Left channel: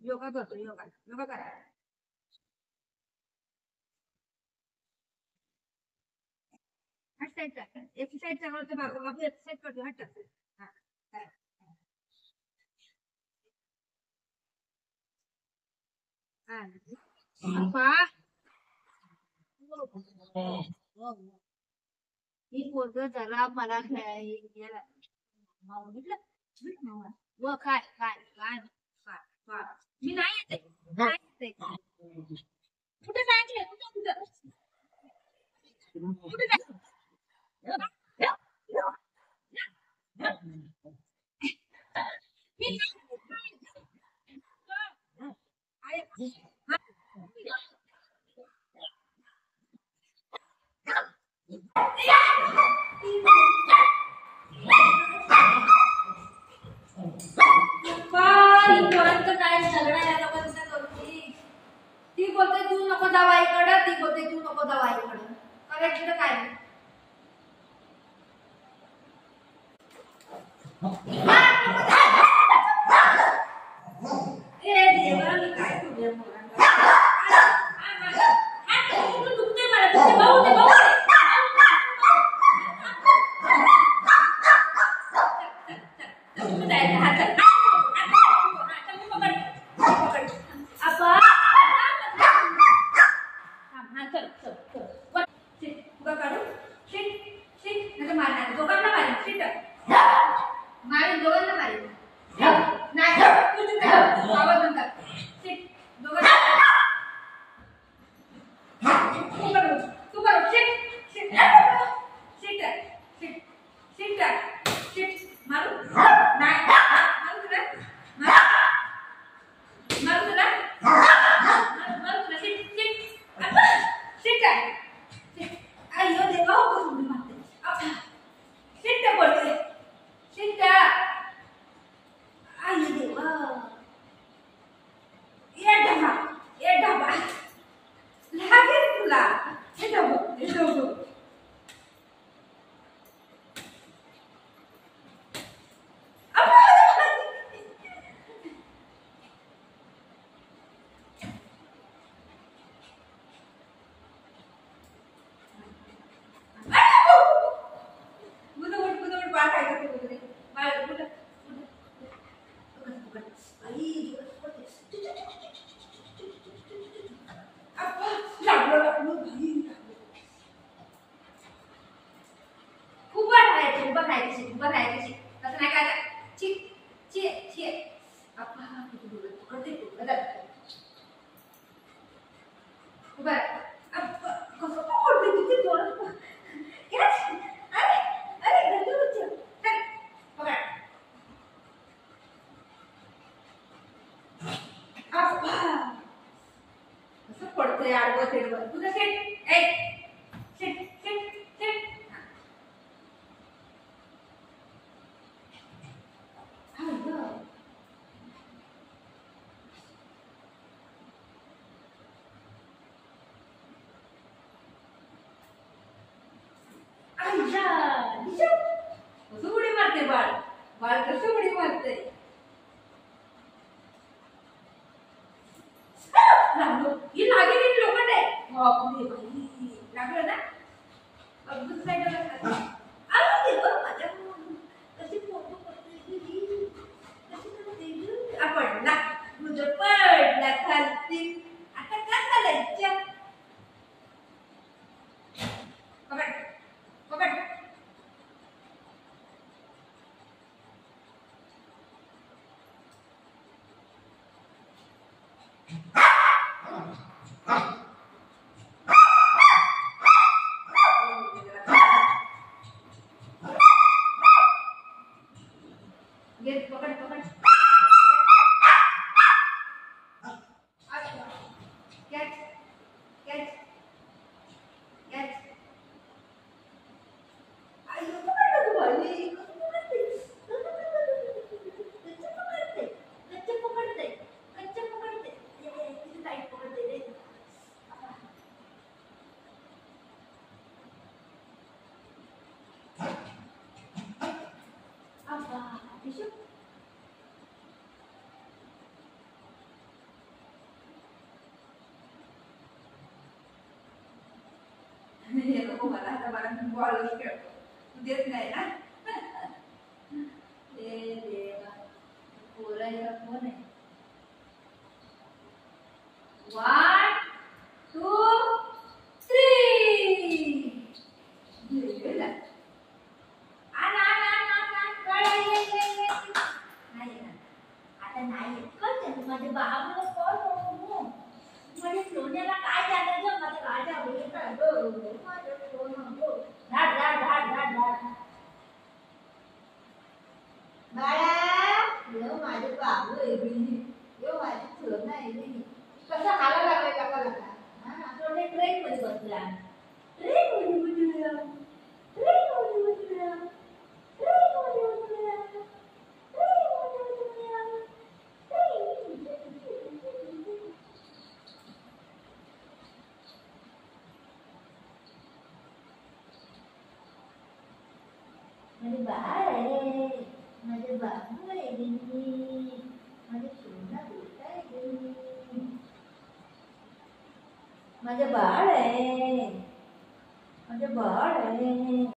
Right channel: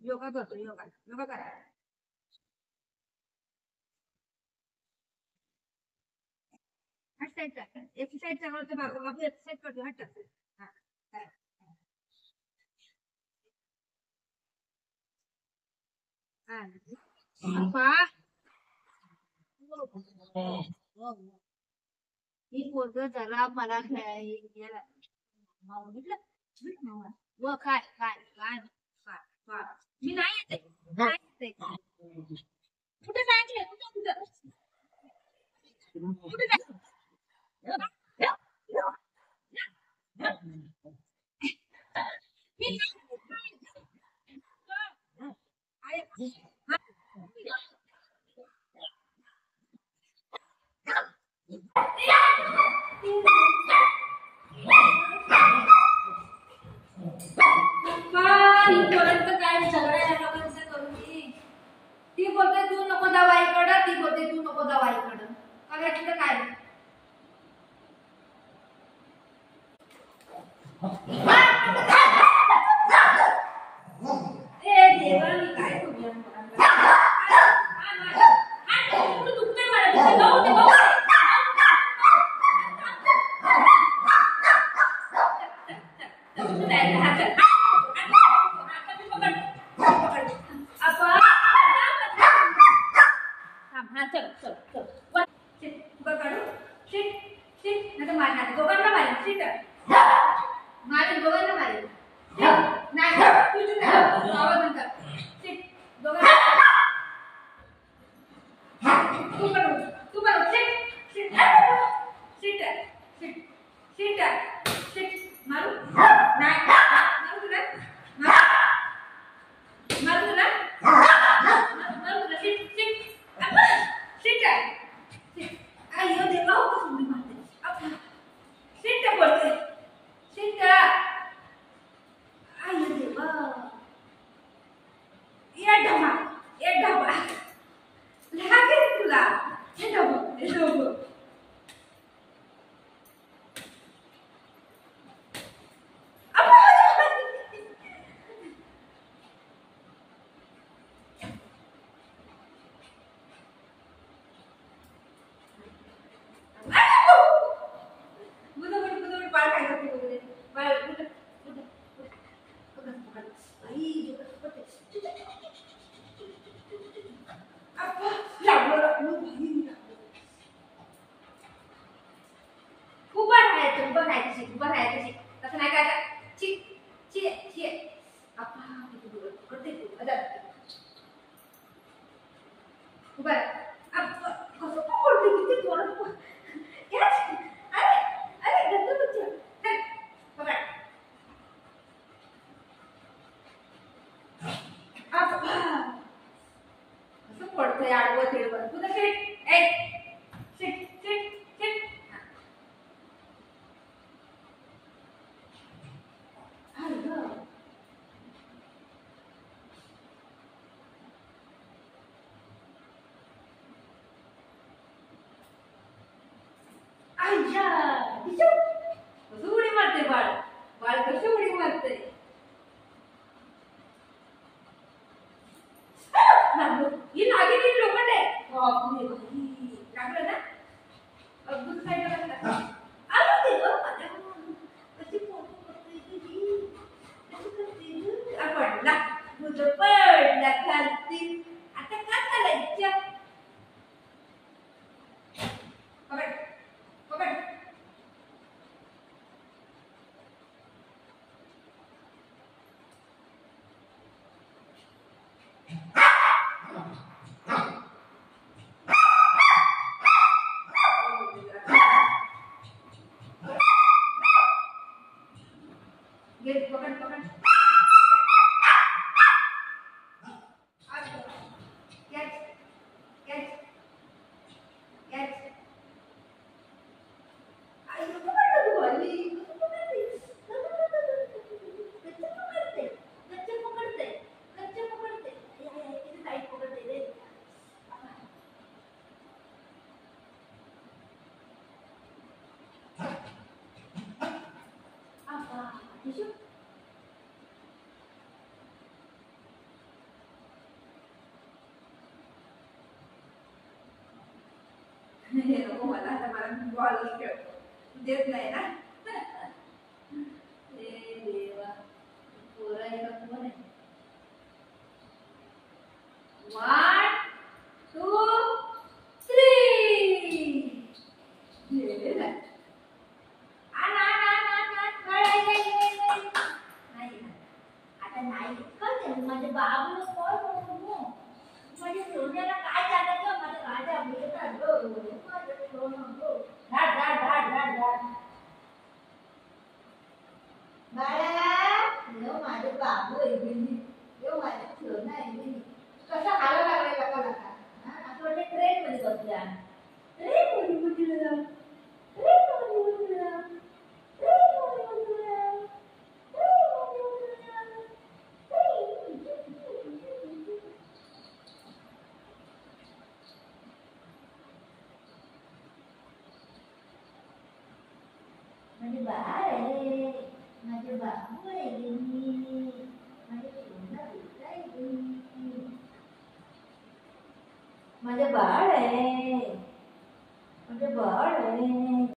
योगा करतो योगा योगा करा. एक्सरसाइज करतो बाबू एक्सरसाइज करतो हट. ही पोरग जरा मला खेळायला व काय काय काय काय मी नाही येते नाही येते कुठे जायचे कुठे कुठे कुठे काय सगळ्या या लोकांचा करून ती बोलते तू नको दवाईकडं ती बोलते तू नको दवाईकडं करायचं काय उडी मारते बाळ बाळ कसं उडी मारते ही लागेल लोखंड आहे लागलं ना अद्भुत साईडला पडला तुझं पडला खालती आता काय चालायच्या पकड पकड पकड पकड हे नको मला, आता मला बॉलच खेळतो, तू देत नाही ना. हे देवा, पोरं आहे का कोण आहे? 1 2 3 गेला. आण आण आण आण आण, कळ नाही ना, आता नाही कळ माझ्या बाबूला कॉल करू. माझ्या सोन्याला काय झालं ग, माझा राजा बेटा ग, माझं सोनं ग. धाड धाड धाड धाड धाड. बाळा, यो माझे बाबू आहे बिनी, यो माझे सोनं आहे बिनी. कसं हाला लागलाय काका काका. हा, असं वाटतं ट्रेन मध्ये बसल्या. ट्रेन मध्ये बसल्या, ट्रेन मध्ये बसल्या, ट्रेन मध्ये बसल्या, ट्रेन मध्ये बसल्या, माझे बाळ आहे, माझे बाबू आहे बिनी, माझे सोना बेटा आहे बिनी, माझे बाळ आहे.